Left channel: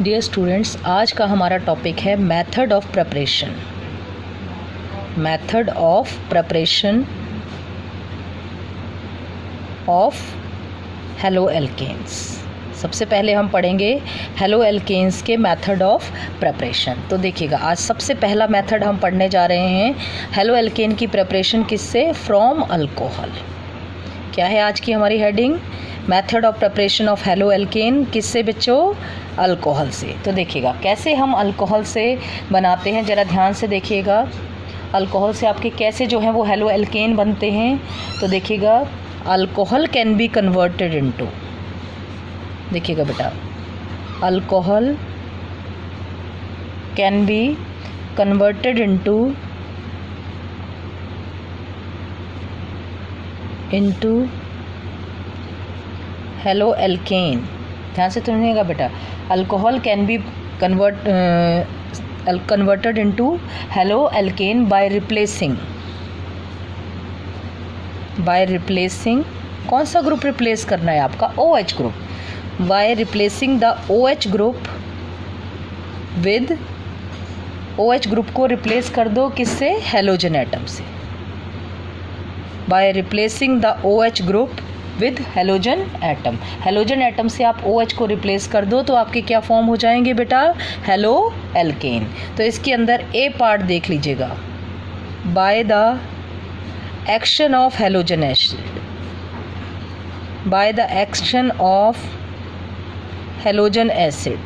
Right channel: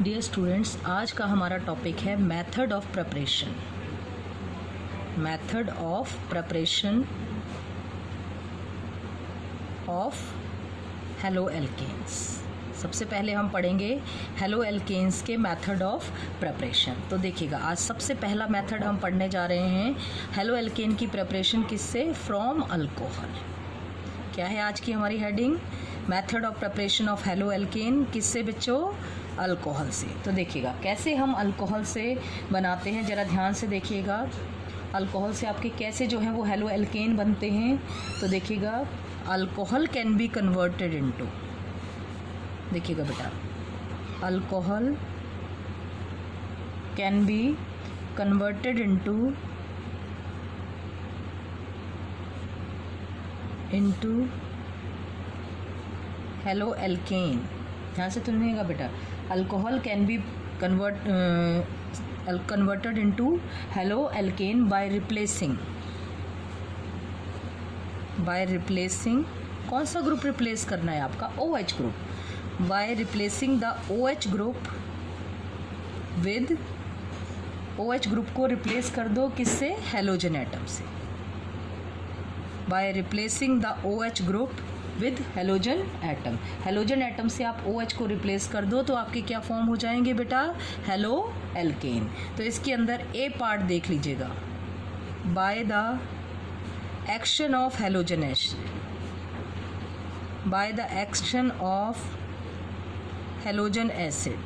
Dear students, आज का हमारा टॉपिक है method of preparation. Method of preparation of haloalkanes. सबसे पहले हम पढ़ेंगे हेलो एल्केन्स के मेथड ऑफ प्रिपरेशन। तो देखिएगा, आज सबसे पहला मेथड हम पढ़ने जा रहे हैं हेलो एल्केन की प्रिपरेशन किससे? From alcohol. क्या है आज की हमारी heading? Method of preparation of halo alkane. किससे बच्चों? अल्कोहल से। तो देखिएगा कैसे हम अल्कोहल से बनाते हैं, ज़रा ध्यान से देखिएगा। अल्कोहल से आपके कैसे जो हैं वो हेलो एल्केन बनते हैं। तो देखिएगा, alcohol can be converted into, देखिएगा बेटा, alcohol can be converted into halo alkane. ध्यान से सुनिएगा बेटा, alcohol can be converted into halo alkane by replacing कौन सा ग्रुप रिप्लेस करना है आपका? OH group. By replacing the OH group with, OH group को रिप्लेस कर दो किससे? हेलोजन एटम से। By replacing the OH group with halogen atom. Halogen atom से आप OH को रिप्लेस कर दो तो आपके क्या फॉर्म हो जाएंगे बेटा? Halo alkane. तो इसके अंदर ए पार्ट देख लीजिएगा, by the action of halogen acid, by the action of halogen acid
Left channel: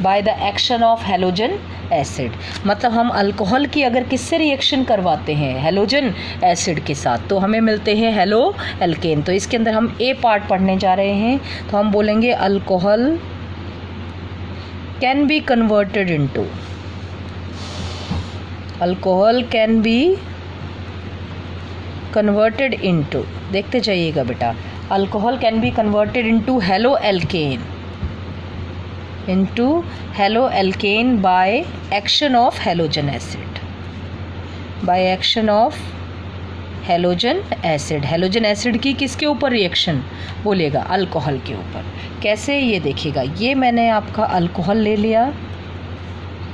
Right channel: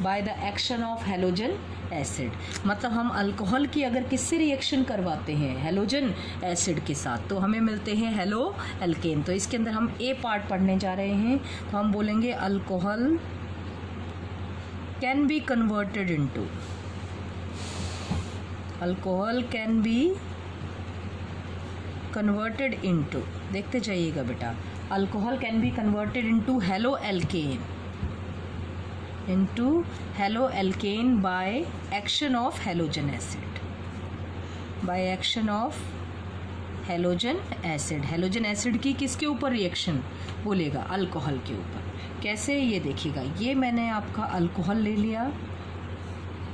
by the action of halogen acid. मतलब हम अल्कोहल की अगर किससे रिएक्शन करवाते हैं? हेलोजन एसिड के साथ, तो हमें मिलते हैं हेलो एल्केन। तो इसके अंदर हम ए पार्ट पढ़ने जा रहे हैं। तो हम बोलेंगे alcohol can be converted into, alcohol can be converted into, देखते जाइएगा बेटा, alcohol can be converted into halo alkane, into halo alkane by action of halogen acid, by action of halogen acid. Halogen acid की किसके ऊपर reaction? बोलिएगा, alcohol के ऊपर। कैसे? ये देखिएगा, ये मैंने आपका अल्कोहल ले लिया,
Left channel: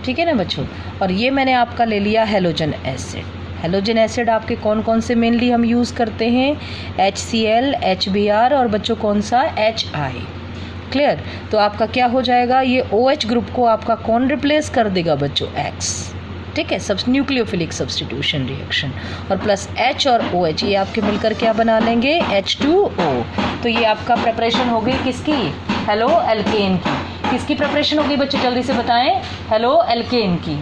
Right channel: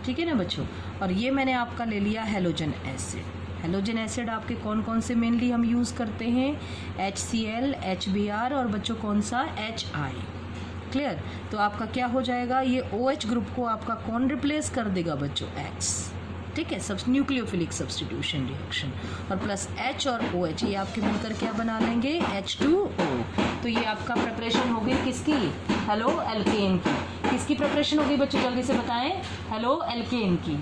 ठीक है ना बच्चों, और ये मैंने आपका ले लिया हेलोजन एसिड। हेलोजन एसिड आपके कौन कौन से मेनली हम यूज़ करते हैं? HCl, HBr और बच्चों कौन सा? HI। क्लियर? तो आपका क्या हो जाएगा? ये OH ग्रुप को आपका कौन रिप्लेस कर देगा बच्चों? X। ठीक है, सब न्यूक्लियोफिलिक सब्स्टिट्यूशन रिएक्शन, और प्लस H और OH ये आपके मिलकर क्या बना लेंगे? H2O। तो ये आपका प्रिपरेशन हो गई किसकी? हेलो एल्केन की। किसकी प्रिपरेशन होगी बच्चों? जल्दी से बताएं। हेलो एल्केन की।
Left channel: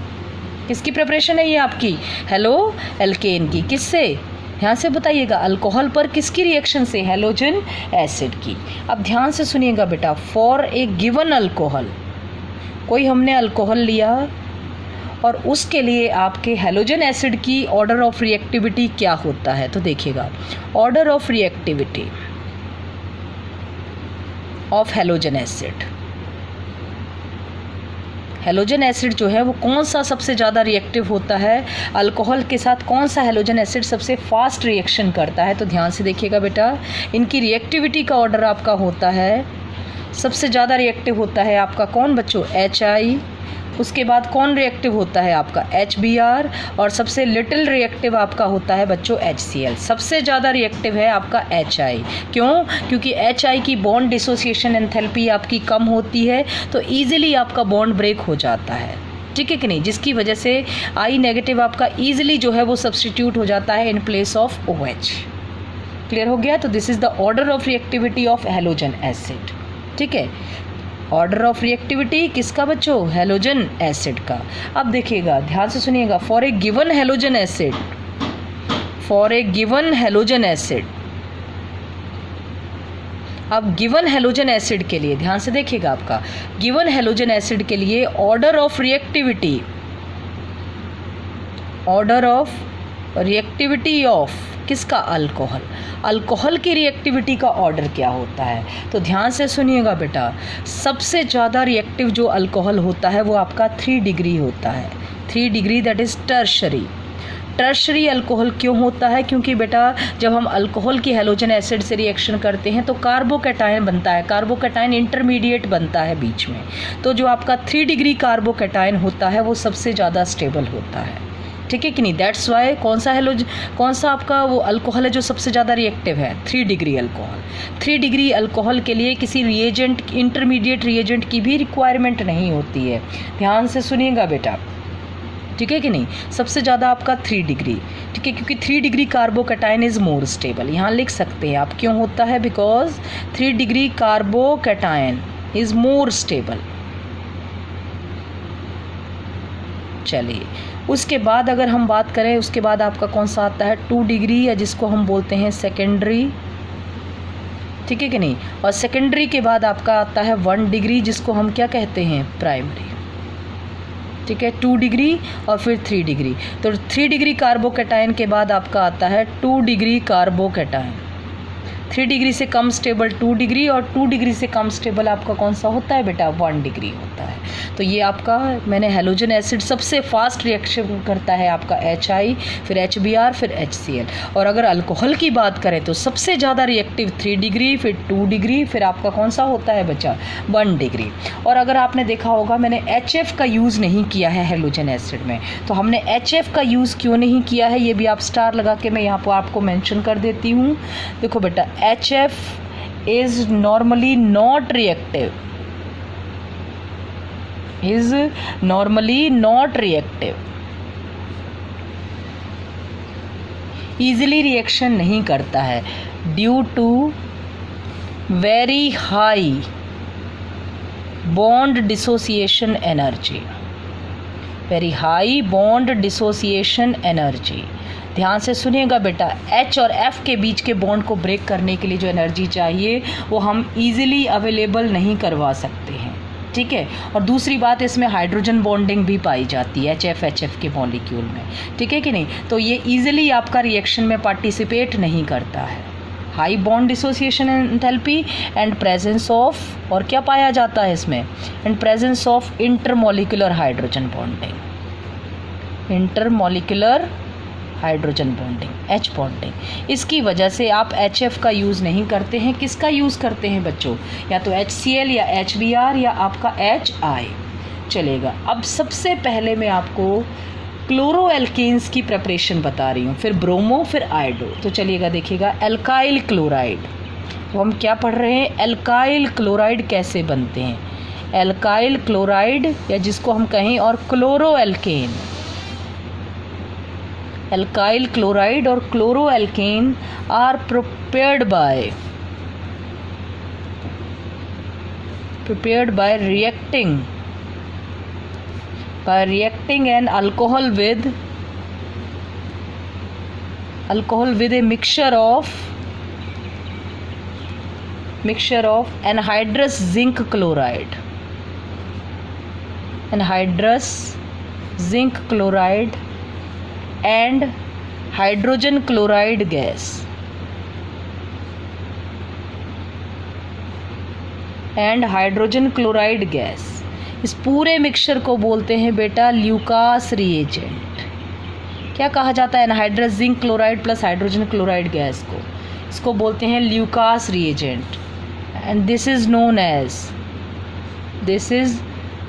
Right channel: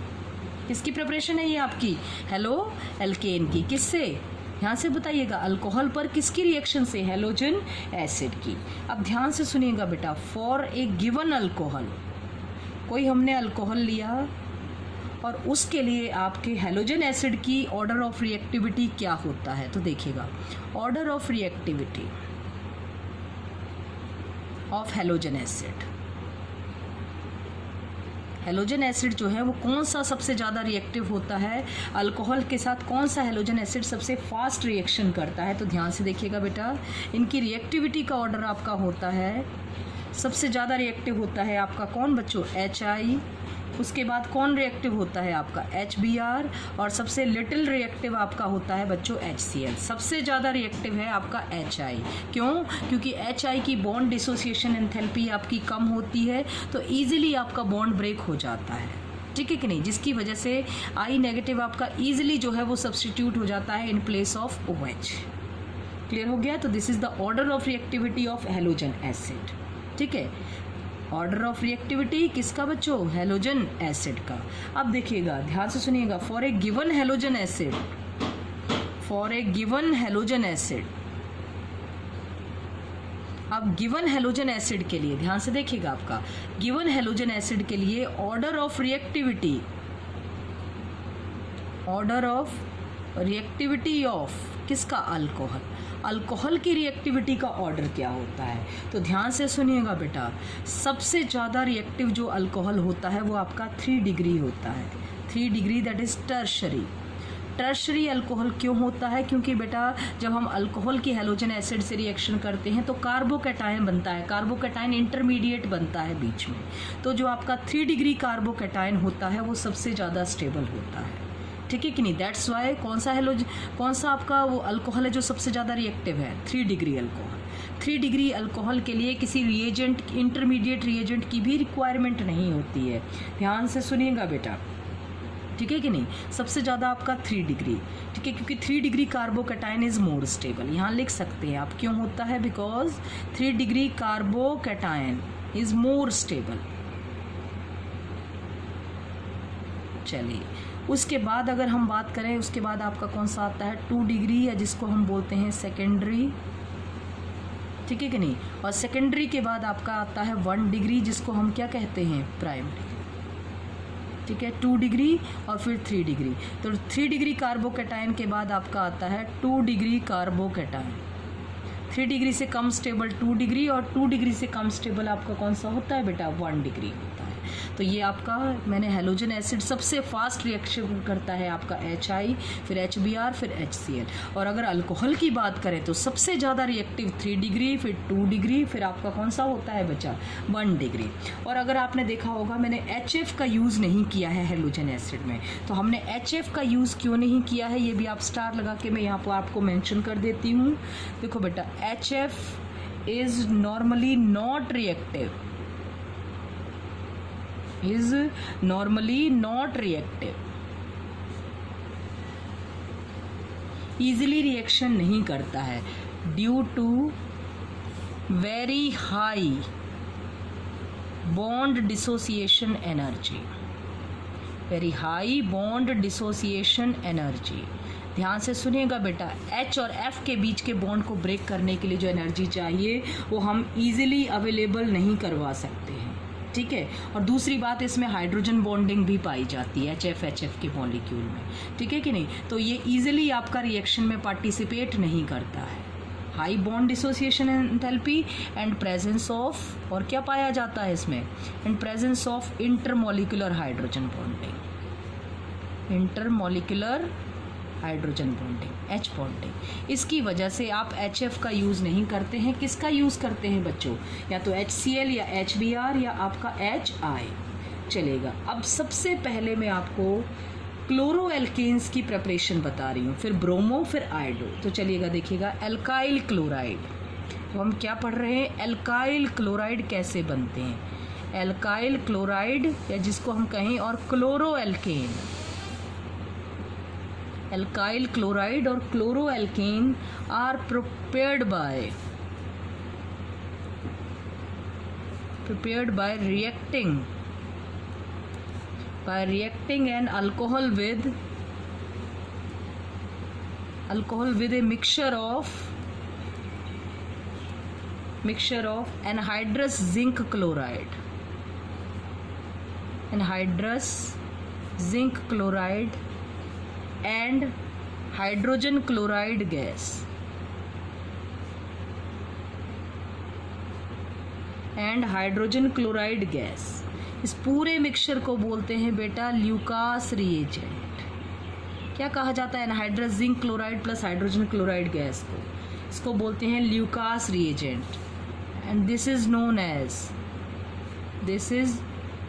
किसकी प्रिपरेशन है ये आपकी? हेलो एल्केन की। किससे? ध्यान से बताइएगा, अल्कोहल पर किसकी रिएक्शन से? हेलोजन एसिड की। अब ध्यान से सुनिएगा बेटा, फॉर ए गिवन अल्कोहल, कोई हमने अल्कोहल लिया और उसके लिए आपके हेलोजन एसिड की ऑर्डर ऑफ रिएक्टिविटी क्या होता है? तो देखिएगा, order of reactivity of halogen acid, halogen acid जो है वो कौन सा सबसे ज़्यादा रिएक्टिव होता है? अल्कोहल के साथ कौन सा हेलोजन एसिड सबसे फास्ट रिएक्शन करता है? तो ध्यान से देखिएगा बेटा, इनकी रिएक्टिविटी का ऑर्डर आपका होता है, सबसे ज़्यादा रिएक्टिव होता है आपका कौन बच्चों? HI। उसके बाद कौन रिएक्टिव होता है आपका? HBr। और सबसे लिटिल रिएक्टिव आपका होता है बच्चों HCl। सबसे ज़्यादा रिएक्टिव है आपका HI। क्यों? क्योंकि HI की बॉन्ड डिसोसिएशन एंथैल्पी आपकी कम होती है, तो ईजिली आपका बॉन्ड ब्रेक हो जाता है, ठीक है कि नहीं, जिसकी वजह से I नेगेटिव आपका ईजिली जो है वो सब्सटीट्यूट हो जाता है in place of OH। Clear हो गया? तो this is the order of reactivity of halogen acid. ठीक है, ऑर्डर ऑफ रिएक्टिविटी किसका बच्चों? हेलोजन एसिड का। अब देखिएगा, ध्यान से सुनिएगा, for a given halogen acid, for a given halogen acid, अब गिवन हेलोजन एसिड के लिए ध्यान से देखिएगा, आपका गिवन हेलोजन एसिड के लिए order of reactivity, order of reactivity of किसका? अल्कोहल। अल्कोहल की रिएक्टिविटी का ऑर्डर क्या होता है? तो ध्यान से सुनिएगा बेटा, सबसे ज़्यादा रिएक्टिव जो अल्कोहल होता है वो आपका 3 डिग्री होता है। 3 degree that is tertiary. Tertiary alcohol क्यों होता है? क्योंकि बेटा जब हम अल्कोहल की हैलोजन एसिड से रिएक्शन करते हैं तो कार्बोकैटायन बनता है, कार्बोकैटायन इंटरमीडिएट बनता है बीच में। तो जो आपका 3 डिग्री कार्बोकैटायन होता है वो सबसे ज़्यादा स्टेबल होता है, ठीक है कि नहीं? दैट्स वाई कौन सा आपका वो अल्कोहल है जो सबसे ज़्यादा रिएक्टिव है? 3 डिग्री अल्कोहल। 3 डिग्री अल्कोहल के लिए किसी रिएजेंट, इंटरमीडिएट रिएजेंट की भी रिक्वायरमेंट नहीं होती है। ध्यान से सुनिएगा बेटा, ठीक है कि नहीं? सबसे ज़्यादा आपका 3 डिग्री, ठीक है, क्योंकि 3 degree carbocation is more stable. यहाँ लिख सकते हैं आप क्यों होता है, because 3 degree carbocation is more stable. चलिए, उसके बाद अगर हम बात करें, उसके बाद आपका कौन सा आता है? 2 डिग्री, या जिसको हम बोलते हैं सेकेंडरी, ठीक है कि नहीं? और सेकेंडरी के बाद आपका आता है 1 डिग्री, जिसको हम क्या कहते हैं? प्राइमरी, ठीक है। 2 डिग्री और फिर 3 डिग्री। तो 3 डिग्री कार्बोकैटायन के बाद आपका आता है 2 डिग्री कार्बोकैटायन। 3 डिग्री से कम स्टेबल 2 डिग्री, और 2 डिग्री से कम स्टेबल आपका कौन सा होता है बेटा? 1 डिग्री होता है। तो ये आपका, मैंने हैलोजन एसिड सबसे फास्ट रिएक्शन करता है आपका HI, फिर HBr, फिर HCl। और अगर अल्कोहल की बात करें तो सबसे ज़्यादा रिएक्टिव 3 डिग्री, फिर 2 डिग्री, फिर आपका कौन सा होता है बच्चा? 1 डिग्री। और अगर आपने देखा होगा मैंने HF का यूज़ नहीं किया है हैलोजन एसिड में, तो हमने HF का यूज़ क्यों नहीं किया है ये भी आप स्टार लगा के मैं यहाँ पर आपको मेंशन कर देती हूँ। देखो बेटा, HF is normally not reactive, is normally not reactive, easily reaction नहीं करता है due to very high bond dissociation energy, very high bond dissociation energy। ध्यान से सुनिएगा बेटा, H और F के बीच के बॉन्ड को ब्रेक करने के लिए जो एनर्जी चाहिए वो हम ईजिली अवेलेबल नहीं करवा सकते हैं, ठीक है। और दूसरी बात, इसमें हाइड्रोजन बॉन्डिंग भी पाई जाती है HF के मॉलिक्यूल में, ठीक है कि नहीं? तो ये इजीली आपका रिएक्शन में पार्टिसिपेट नहीं करता है। High bond dissociation enthalpy and presence of, और क्या पाया जाता है इसमें? And presence of intermolecular hydrogen bonding, intermolecular hydrogen bonding, H bonding. इसकी वजह से आप HF का यूज़ नहीं करते हैं। किसका यूज़ करते हैं बच्चों? या तो HCl या HBr या आपका HI चलेगा। अब सबसे पहले मैं आपको क्लोरो एल्केन्स की प्रिपरेशन बता रही हूँ, फिर ब्रोमो, फिर आयोडो। तो चलिएगा देखिएगा, एल्काइल क्लोराइड। तो हम क्या पढ़ रहे हैं? एल्काइल क्लोराइड कैसे बनते हैं? एल्काइल क्लोराइड, या जिसको हम कहें और क्लोरो एल्केन। एल्काइल क्लोराइड और chloroalkane are prepared by reacting an alcohol with a mixture of anhydrous zinc chloride and hydrogen chloride gas, इस पूरे मिक्सचर को बोलते हैं बेटा ल्यूकास रिएजेंट। क्या कहा जाता है? Anhydrous zinc chloride plus hydrogen chloride gas को, इसको बोलते हैं Lucas reagent. And this is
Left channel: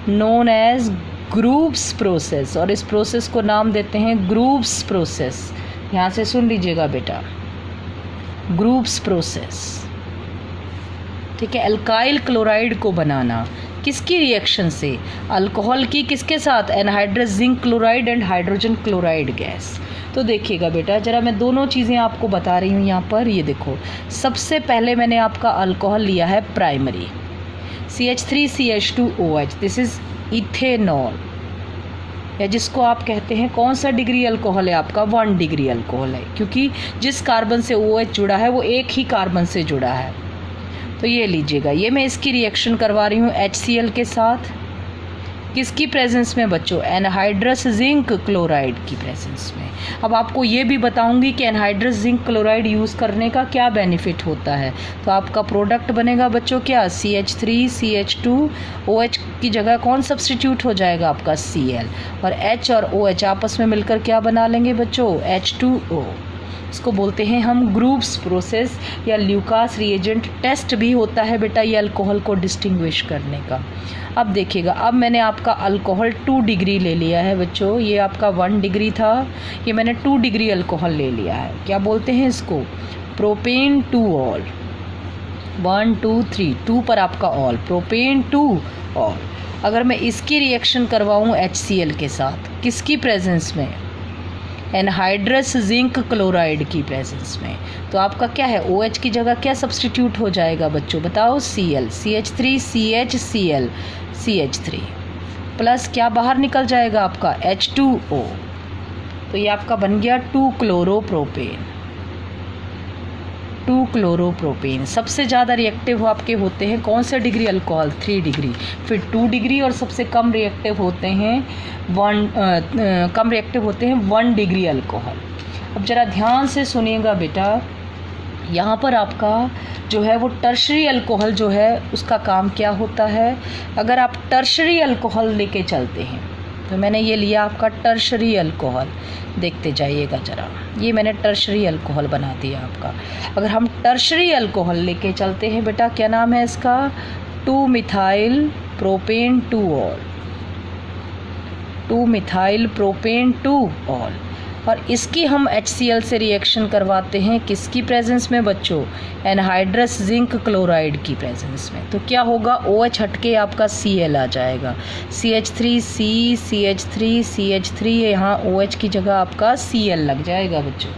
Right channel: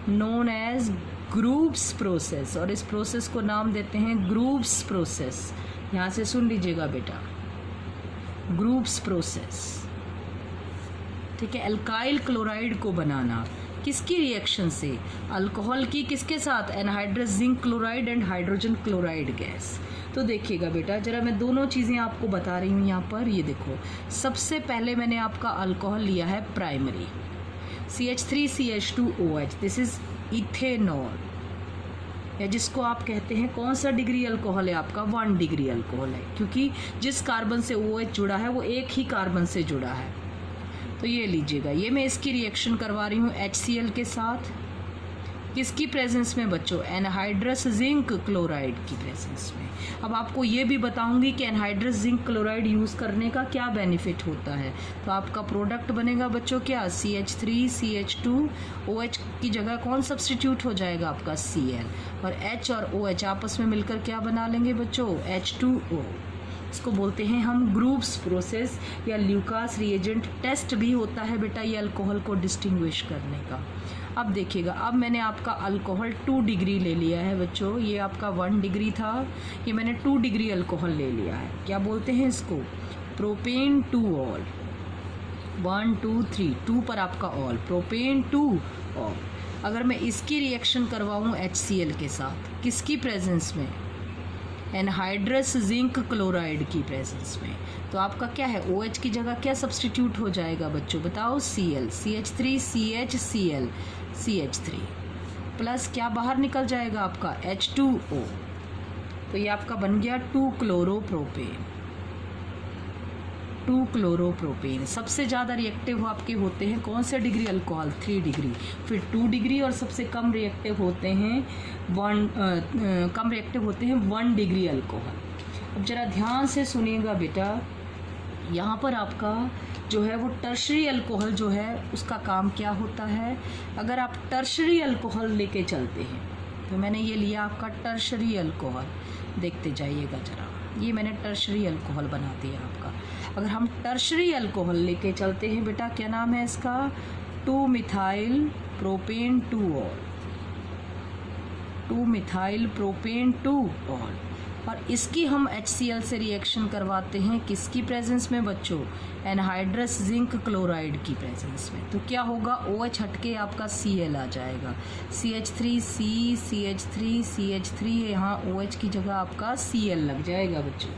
known age groups process, और इस प्रोसेस को नाम देते हैं ग्रुप्स प्रोसेस। यहाँ से सुन लीजिएगा बेटा, ग्रुप्स प्रोसेस, ठीक है। एल्काइल क्लोराइड को बनाना किसकी रिएक्शन से? अल्कोहल की। किसके साथ? Anhydrous zinc chloride and hydrogen chloride gas. तो देखिएगा बेटा, जरा मैं दोनों चीज़ें आपको बता रही हूँ यहाँ पर। ये देखो, सबसे पहले मैंने आपका अल्कोहल लिया है primary, CH3CH2OH, this is ethanol, या जिसको आप कहते हैं, कौन सा डिग्री अल्कोहल है आपका? 1 डिग्री अल्कोहल है, क्योंकि जिस कार्बन से OH जुड़ा है वो एक ही कार्बन से जुड़ा है। तो ये लीजिएगा, ये मैं इसकी रिएक्शन करवा रही हूँ HCl के साथ। किसकी प्रेजेंस में बच्चों? एनहाइड्रस जिंक क्लोराइड की प्रेजेंस में। अब आपको ये भी बताऊंगी कि एनहाइड्रस जिंक क्लोराइड यूज़ करने का क्या बेनिफिट होता है। तो आपका प्रोडक्ट बनेगा बच्चों क्या? CH3 CH2 OH की जगह कौन सब्सटीट्यूट हो जाएगा आपका? Cl, और H और OH आपस में मिलकर क्या बना लेंगे बच्चों? H2O। इसको बोलते हैं हम ग्रुप्स प्रोसेस या ल्यूकास रिएजेंट टेस्ट भी होता है बेटा ये अल्कोहल को डिस्टिंग्विश करने का। अब देखिएगा, अब मैंने आपका अल्कोहल 2 डिग्री ले लिया है बच्चों, ये आपका 1 डिग्री था, ये मैंने 2 डिग्री अल्कोहल ले लिया है। क्या बोलते हैं इसको? Propane 2 all. 1 2 3 2 पर आपका ऑल, प्रोपेन 2 ऑल। अगर मैं इसकी रिएक्शन करवाऊँ HCl के साथ, किसकी प्रेजेंस में? एनहाइड्रस जिंक क्लोराइड की प्रेजेंस में, तो आपका क्या है? OH की जगह क्या सब्सटीट्यूट हो जाएगा बच्चों? बताओ? Cl, CH3 CHCl CH3 plus क्या बाहर निकल जाएगा आपका? H2O। तो ये आपका बन गया 2 क्लोरोप्रोपेन। 2 क्लोरोप्रोपेन सबसे ज़्यादा रिएक्टिव आपके होते हैं कौन से डिग्री अल्कोहल? 3 डिग्री, फिर 2 डिग्री, और सबसे कम रिएक्टिव होते हैं 1 डिग्री अल्कोहल। अब ज़रा ध्यान से सुनिएगा बेटा, यहाँ पर आपका जो है वो टर्शरी अल्कोहल जो है उसका काम क्या होता है? अगर आप टर्शरी अल्कोहल लेके चलते हैं, तो मैंने ये लिया आपका टर्शरी अल्कोहल, देखते जाइएगा ज़रा, ये मैंने टर्शरी अल्कोहल बना दिया आपका। अगर हम टर्शरी अल्कोहल लेके चलते हैं बेटा, क्या नाम है इसका? 2 methyl propane 2 all, 2 methyl propane 2 all, और इसकी हम HCl से रिएक्शन करवाते हैं किसकी प्रेजेंस में बच्चों? एनहाइड्रस जिंक क्लोराइड की प्रेजेंस में। तो क्या होगा? OH हटके आपका Cl आ जाएगा, CH3C CH3 CH3, यहाँ OH की जगह आपका Cl लग जाएगा बच्चों,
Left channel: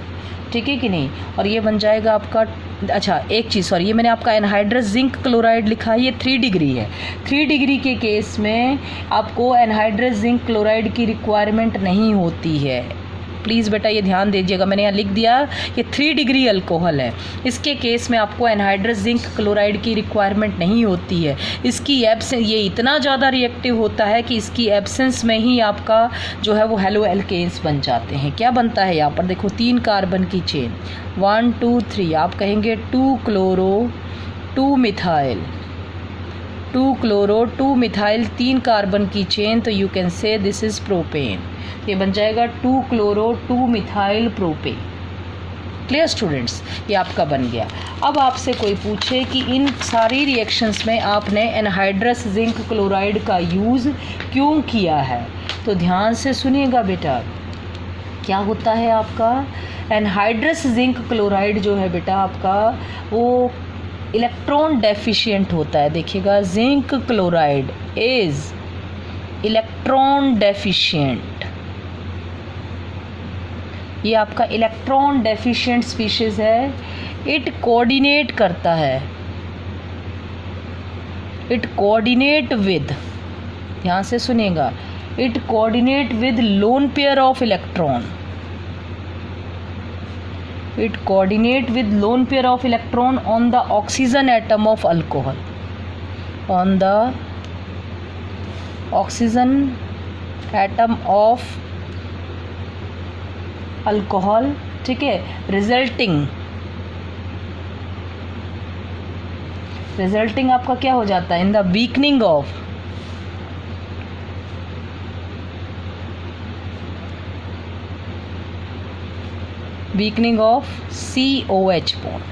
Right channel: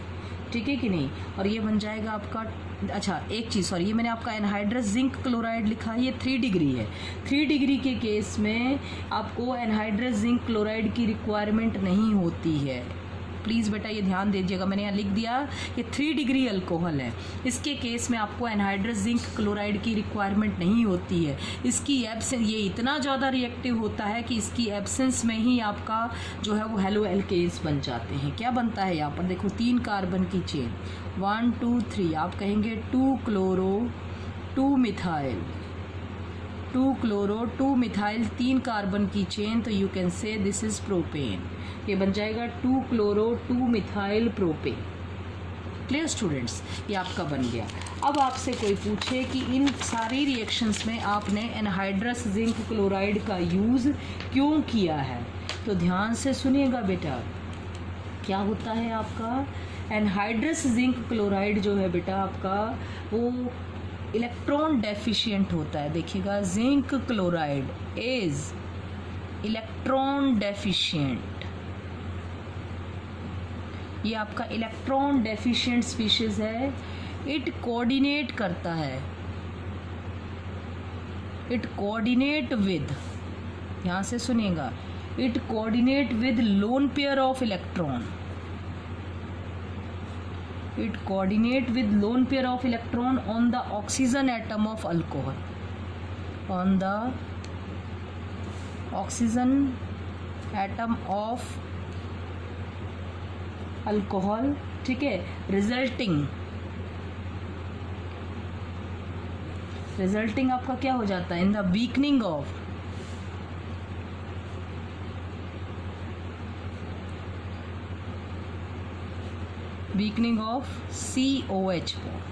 ठीक है कि नहीं? और ये बन जाएगा आपका, अच्छा एक चीज़ सॉरी, ये मैंने आपका एनहाइड्रस जिंक क्लोराइड लिखा है, ये 3 डिग्री है। 3 डिग्री के केस में आपको एनहाइड्रस जिंक क्लोराइड की रिक्वायरमेंट नहीं होती है। प्लीज़ बेटा ये ध्यान दीजिएगा, मैंने यहाँ लिख दिया ये 3 डिग्री अल्कोहल है, इसके केस में आपको एनहाइड्रस जिंक क्लोराइड की रिक्वायरमेंट नहीं होती है। इसकी एब्सेंस, ये इतना ज़्यादा रिएक्टिव होता है कि इसकी एब्सेंस में ही आपका जो है वो हेलो एल्केन्स बन जाते हैं। क्या बनता है यहाँ पर? देखो 3 कार्बन की चेन, 1 2 3, आप कहेंगे 2 chloro 2 methyl, 2 chloro 2 methyl, 3 carbon की चेन, तो you can say this is propane. ये बन जाएगा 2 chloro 2 methyl propane. Clear students? ये आपका बन गया। अब आपसे कोई पूछे कि इन सारी रिएक्शंस में आपने एनहाइड्रस जिंक क्लोराइड का यूज़ क्यों किया है, तो ध्यान से सुनिएगा बेटा। क्या होता है आपका? एनहाइड्रस जिंक क्लोराइड जो है बेटा आपका वो इलेक्ट्रॉन डेफिशिएंट होता है। देखिएगा, zinc chloride is electron deficient, ये आपका इलेक्ट्रॉन डेफिशिएंट स्पीशीज़ है। इट कोऑर्डिनेट करता है, इट कोऑर्डिनेट विद, ध्यान से सुनिएगा, it coordinate with lone pair of electron, it coordinate with lone pair of electron on the oxygen atom of alcohol, on the oxygen atom of alcohol, ठीक है। Resulting आपका क्या हो जाता है? In the weakening of COH bond.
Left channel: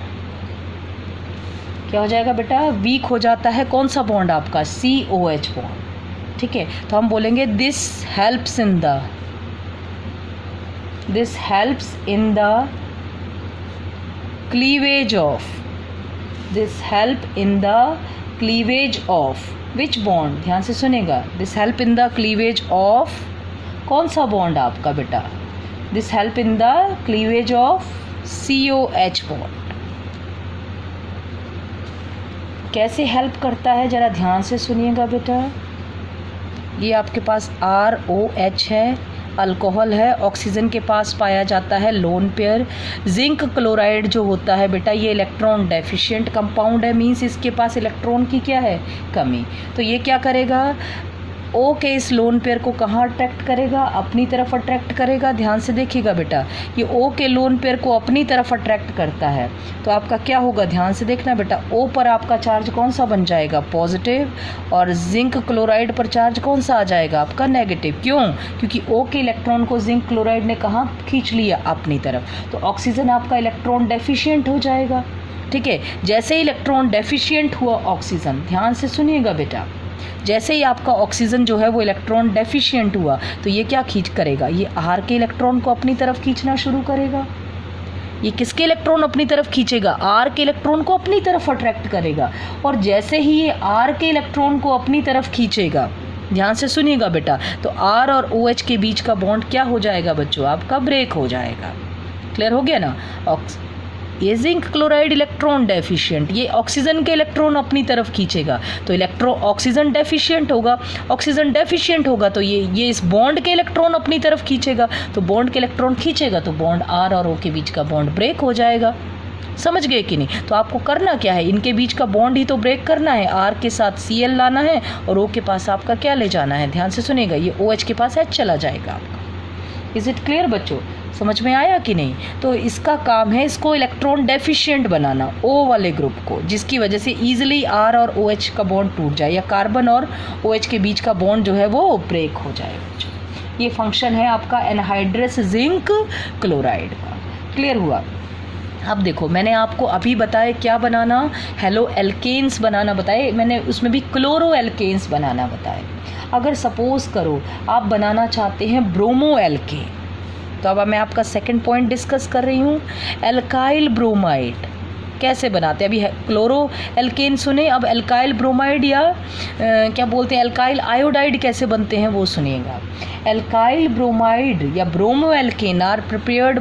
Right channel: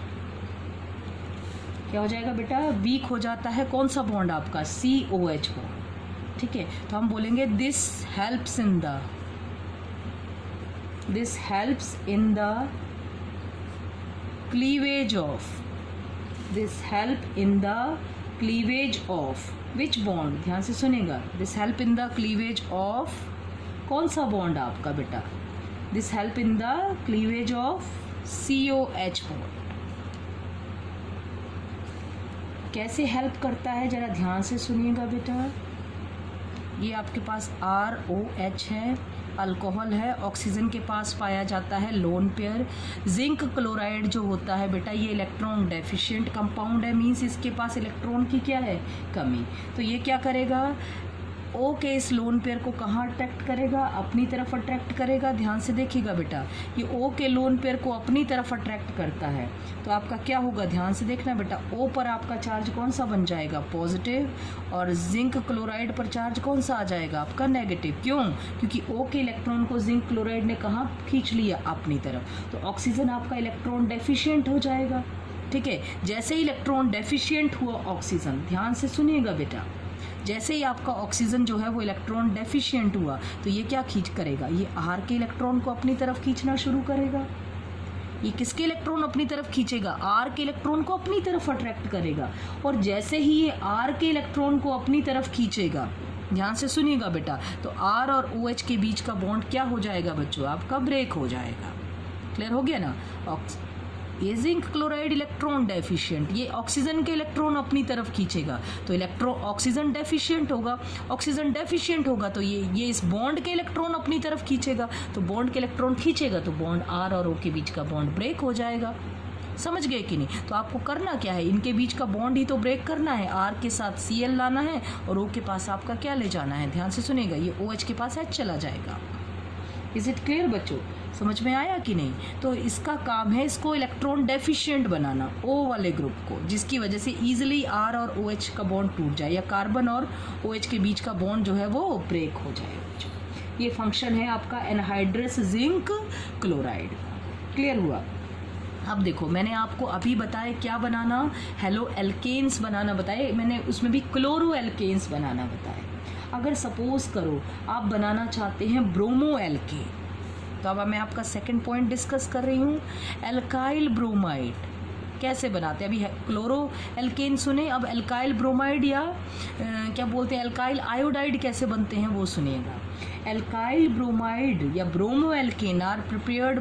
क्या हो जाएगा बेटा? वीक हो जाता है कौन सा बॉन्ड आपका? COH बॉन्ड, ठीक है। तो हम बोलेंगे this helps in the cleavage of, this help in the cleavage of which bond? ध्यान से सुनेगा, this help in the cleavage of कौन सा बॉन्ड आपका बेटा? this help in the cleavage of COH bond. कैसे हेल्प करता है ज़रा ध्यान से सुनिएगा बेटा। ये आपके पास ROH है, अल्कोहल है, ऑक्सीजन के पास पाया जाता है लोन पेयर। जिंक क्लोराइड जो होता है बेटा ये इलेक्ट्रॉन डेफिशिएंट कंपाउंड है, मींस इसके पास इलेक्ट्रॉन की क्या है? कमी। तो ये क्या करेगा? ओ के इस लोन पेयर को कहाँ अट्रैक्ट करेगा, अपनी तरफ अट्रैक्ट करेगा। ध्यान से देखिएगा बेटा, ये ओ के लोन पेयर को अपनी तरफ अट्रैक्ट करता है, तो आपका क्या होगा, ध्यान से देखना बेटा, ओ पर आपका चार्ज कौन सा बन जाएगा, पॉजिटिव, और जिंक क्लोराइड पर चार्ज कौन सा आ जाएगा, आपका नेगेटिव। क्यों, क्योंकि ओ के इलेक्ट्रॉन को जिंक क्लोराइड ने कहाँ खींच लिया, अपनी तरफ, तो ऑक्सीजन आपका इलेक्ट्रॉन डेफिशिएंट हो जाएगा। ठीक है, जैसे ही इलेक्ट्रॉन डेफिशिएंट हुआ ऑक्सीजन, ध्यान से सुनिएगा बेटा, जैसे ही आपका ऑक्सीजन जो है वो इलेक्ट्रॉन डेफिशिएंट हुआ, तो ये क्या खींच करेगा, ये आर के इलेक्ट्रॉन को अपनी तरफ खींचना शुरू करेगा। ये किसके इलेक्ट्रॉन अपनी तरफ खींचेगा, आर के इलेक्ट्रॉन को अपनी तरफ अट्रैक्ट करेगा। और जैसे ही ये आर के इलेक्ट्रॉन को अपनी तरफ खींचेगा, ध्यान से सुनिएगा बेटा, तो आर और ओ एच के बीच का बॉन्ड क्या हो जाएगा बच्चों, आपका ब्रेक हो जाएगा। क्लियर हो गया ना। ये जिंक क्लोराइड इलेक्ट्रॉन डेफिशिएंट, ये ऑक्सीजन के इलेक्ट्रॉन अपनी तरफ खींचेगा, तो ऑक्सीजन डेफिशिएंट होगा, ऑक्सीजन डेफिशिएंट होगा तो ये इस बॉन्ड के इलेक्ट्रॉन अपनी तरफ खींचेगा, तो बॉन्ड के इलेक्ट्रॉन खींचेगा तो बॉन्ड आर और ओ के बीच का बॉन्ड ब्रेक हो जाएगा। समझ गए कि नहीं। तो आपको करना क्या है, इनके बीच का बॉन्ड ही तो ब्रेक करना है, आर के साथ Cl लाना है और ओ के पास आपका क्या ले जाना है, ध्यान से सुनिएगा, ये OH के पास H चला जाएगा आपका। इज इट क्लियर बच्चों, समझ में आया कि नहीं। तो इसका काम है इसको इलेक्ट्रॉन डेफिशिएंट बनाना, O वाले ग्रुप को, जिसकी वजह से ईजिली R और OH का बॉन्ड टूट जाए, या कार्बन और OH के बीच का बॉन्ड जो है वो ब्रेक हो जाए बच्चों। ये फंक्शन है आपका एनहाइड्रस जिंक क्लोराइड का। क्लियर हुआ। अब देखो, मैंने आपको अभी बताया क्या बनाना, हेलो एल्केन्स बनाना बताए, मैंने उसमें भी क्लोरो एल्केन्स बनाना बताए। अगर सपोज करो आप बनाना चाहते हैं ब्रोमो एल्केन, तो अब मैं आपका सेकंड पॉइंट डिस्कस कर रही हूँ, एल्काइल ब्रोमाइड कैसे बनाते हैं। अभी क्लोरो एल्केन सुने, अब एल्काइल ब्रोमाइड या क्या बोलते हैं एल्काइल आयोडाइड कैसे बनते हैं वो सुनिएगा। एल्काइल ब्रोमाइड या bromo alkane are prepared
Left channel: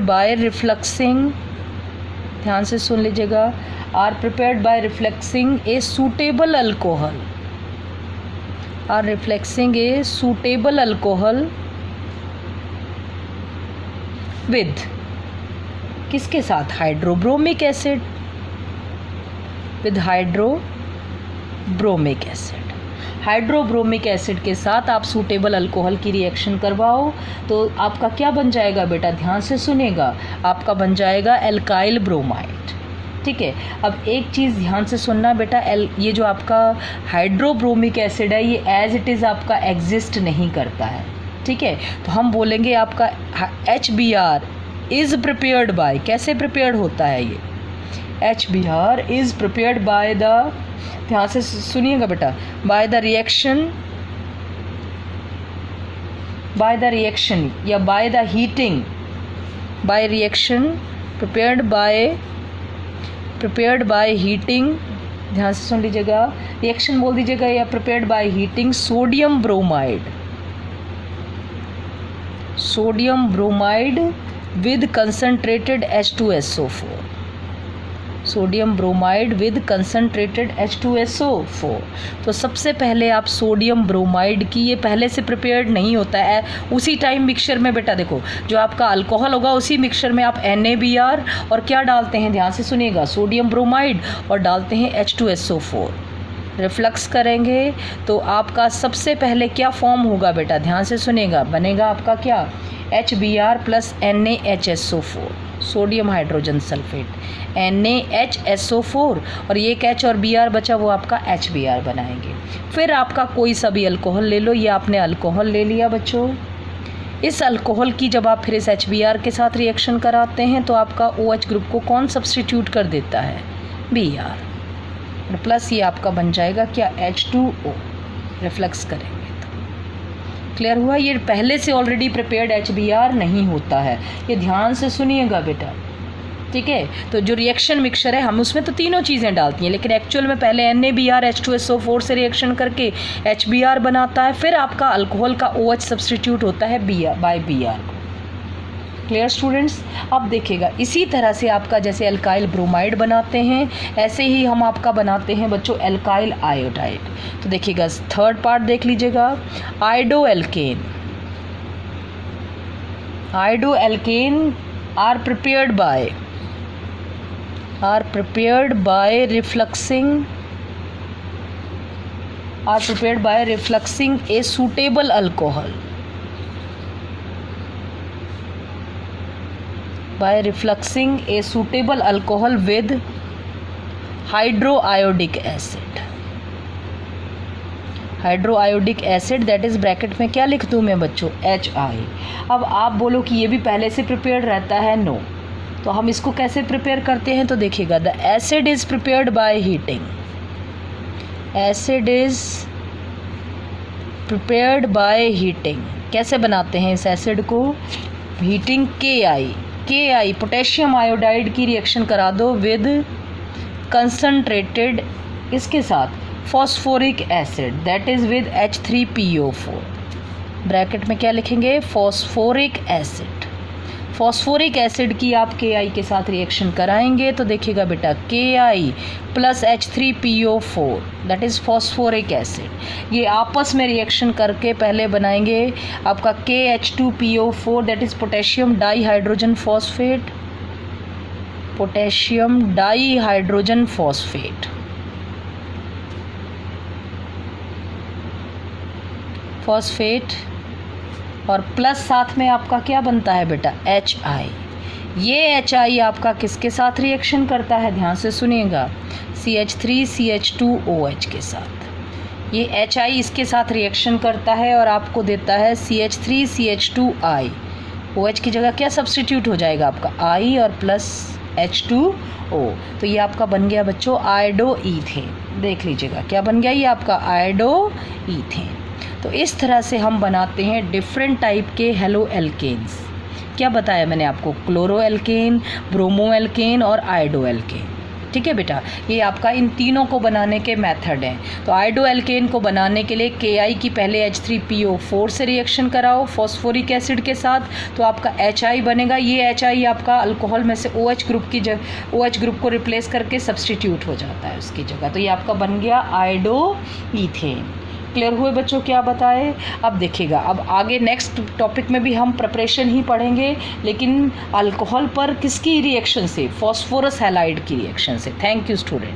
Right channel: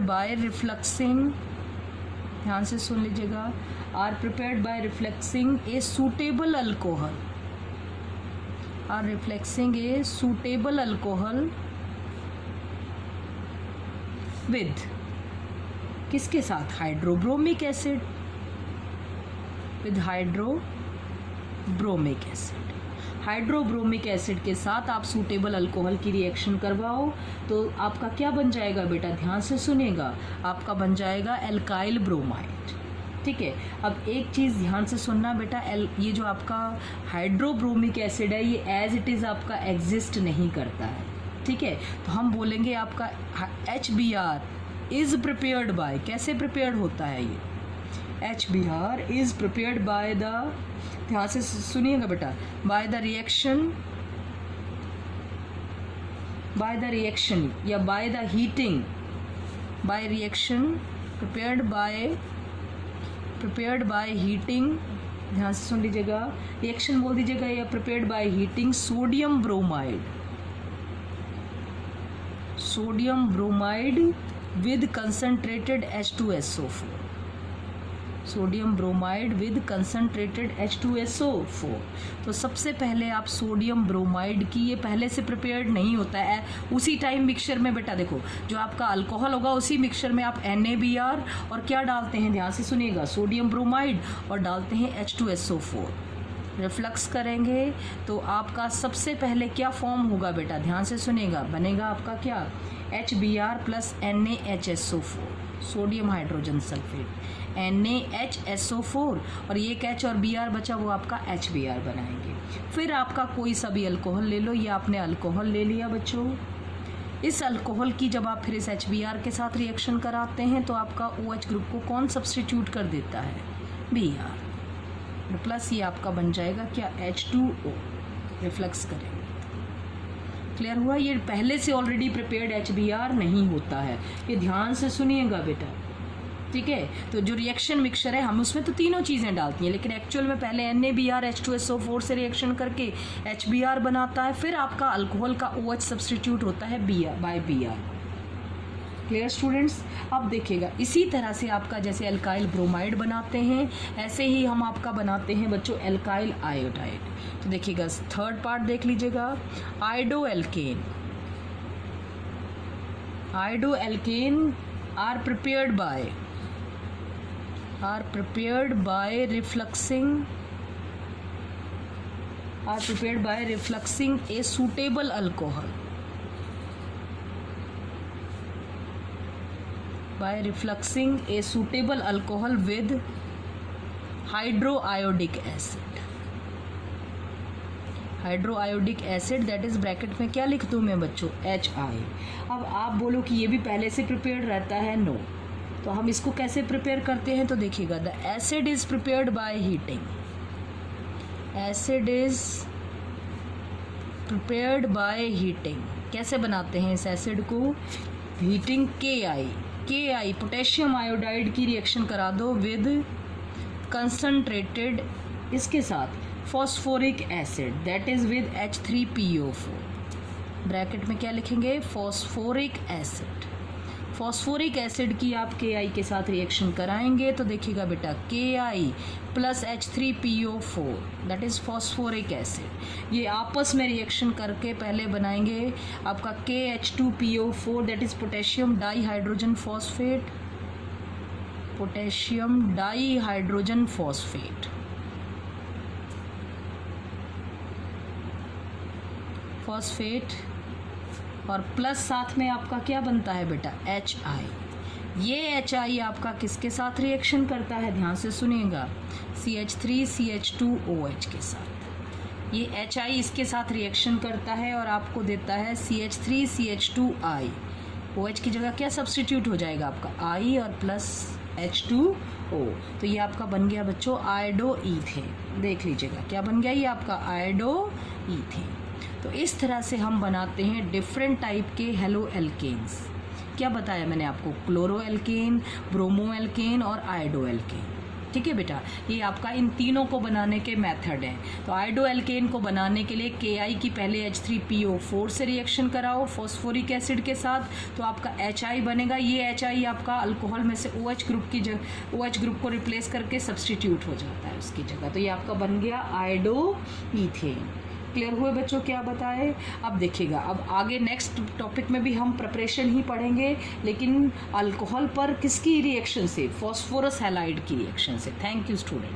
by refluxing, ध्यान से सुन लीजिएगा, are prepared by refluxing a suitable alcohol, are refluxing a suitable alcohol with किसके साथ, hydrobromic acid, with hydrobromic acid. Hydrobromic acid के साथ आप सूटेबल अल्कोहल की रिएक्शन करवाओ तो आपका क्या बन जाएगा बेटा, ध्यान से सुनेगा, आपका बन जाएगा एल्काइल ब्रोमाइड। ठीक है। अब एक चीज़ ध्यान से सुनना बेटा, ये जो आपका हाइड्रोब्रोमिक एसिड है ये एज इट इज़ आपका एग्जिस्ट नहीं करता है। ठीक है, तो हम बोलेंगे आपका HBr इज़ प्रिपेयर्ड बाय, कैसे प्रिपेयर्ड होता है ये, HBr is prepared by the, ध्यान से सुनिएगा बेटा, बाय द रिएक्शन या by the heating, by reaction prepared by heating, ध्यान से सुन लीजिएगा, रिएक्शन बोल दीजिएगा, या prepared by heating sodium bromide with concentrated H2SO4, sodium bromide with concentrated H2SO4। तो सबसे पहले आप सोडियम ब्रोमाइड की, ये पहले से प्रिपेयर्ड नहीं होता है, उसी टाइम मिक्सचर में बेटा देखो जो आपका अल्कोहल होगा उसी मिक्सचर में आप NaBr और क्या डालते हैं, ध्यान से सुनिएगा, सोडियम ब्रोमाइड और डालते हैं H2SO4, रिफ्लक्स करेंगे तो आपका सबसे पहले क्या फॉर्म होगा बेटा, ध्यान से सुनिएगा, बनेगा आपका क्या, HBr plus NaHSO4, sodium hydrogen sulphate, NaHSO4, और ये H और Br बचा वो आपका HBr बनाएंगे। फिर आपका कोई सा भी अल्कोहल ले लो, ये आपने अल्कोहल ले लिया बच्चों, इस अल्कोहल की जब आप फिर इस HBr के साथ रिएक्शन कराते हैं तो आपका OH ग्रुप को कौन सब्स्टिट्यूट कर देता है, Br, और प्लस ये आपका बन जाएगा क्या, H2O, रिफ्लक्स करेंगे तो। क्लियर हुआ। ये पहले से ऑलरेडी प्रिपेयर्ड HBr नहीं होता है, ये ध्यान से सुनिएगा बेटा। ठीक है, तो जो रिएक्शन मिक्सचर है हम उसमें तो तीनों चीज़ें डालती हैं, लेकिन एक्चुअल में पहले NaBr H2SO4 से रिएक्शन करके HBr बनाता है, फिर आपका अल्कोहल का OH सब्स्टिट्यूट होता है बाय Br। Clear students. अब देखिएगा इसी तरह से आपका जैसे एल्काइल ब्रोमाइड बनाते हैं ऐसे ही हम आपका बनाते हैं बच्चों एल्काइल आयोडाइड। तो देखिएगा थर्ड पार्ट देख लीजिएगा, iodo alkane are prepared by refluxing are prepared by refluxing a suitable alcohol, by refluxing a suitable alcohol with hydroiodic acid, hydroiodic acid that is bracket में क्या लिख दूँ मैं बच्चों, HI। अब आप बोलो कि ये भी पहले से प्रिपेयर्ड रहता है, नो। तो हम इसको कैसे प्रिपेयर करते हैं तो देखिएगा, the acid is prepared by heating, acid is prepared by heating. कैसे बनाते हैं इस एसिड को, हीटिंग KI पोटेशियम आयोडाइड की रिएक्शन करा दो विद कंसनट्रेटेड, इसके साथ phosphoric acid that is with H3PO4, bracket में क्या लिखेंगे, फॉस्फोरिक एसिड। फॉस्फोरिक एसिड की आप KI के साथ रिएक्शन कराएंगे तो देखिएगा बेटा KI plus H3PO4 that is phosphoric acid, ये आपस में रिएक्शन करके पहले बनाएंगे आपका KH2PO4 that is potassium dihydrogen phosphate, potassium dihydrogen phosphate, और प्लस साथ में आपका क्या बनता है बेटा, HI। ये HI आपका किसके साथ रिएक्शन करता है, ध्यान से सुनिएगा, CH3CH2OH के साथ। ये HI इसके साथ रिएक्शन करता है और आपको देता है CH3CH2I, OH की जगह क्या सब्स्टिट्यूट हो जाएगा आपका I और प्लस H2O। तो ये आपका बन गया बच्चों आयोडो ईथेन, देख लीजिएगा क्या बन गया, ये आपका आयोडो ईथेन। तो इस तरह से हम बनाते हैं डिफरेंट टाइप के हेलो एल्केन्स। क्या बताया मैंने आपको, क्लोरो एल्केन, ब्रोमो एल्केन और आयोडो एल्केन, ठीक है बेटा। ये आपका इन तीनों को बनाने के मेथड हैं। तो आयोडो एल्केन को बनाने के लिए KI की पहले H3PO4 से रिएक्शन कराओ फॉस्फोरिक एसिड के साथ, तो आपका HI बनेगा। ये HI आपका अल्कोहल में से OH ग्रुप की जगह, OH ग्रुप को रिप्लेस करके सब्सटीट्यूट हो जाता है उसकी जगह, तो ये आपका बन गया आयोडो ईथेन। क्लियर हुए बच्चों क्या बताए। अब देखिएगा, अब आगे नेक्स्ट टॉपिक में भी हम प्रिपरेशन ही पढ़ेंगे, लेकिन अल्कोहल पर किसकी रिएक्शन से, फॉस्फोरस हैलाइड की रिएक्शन से। Thank you students.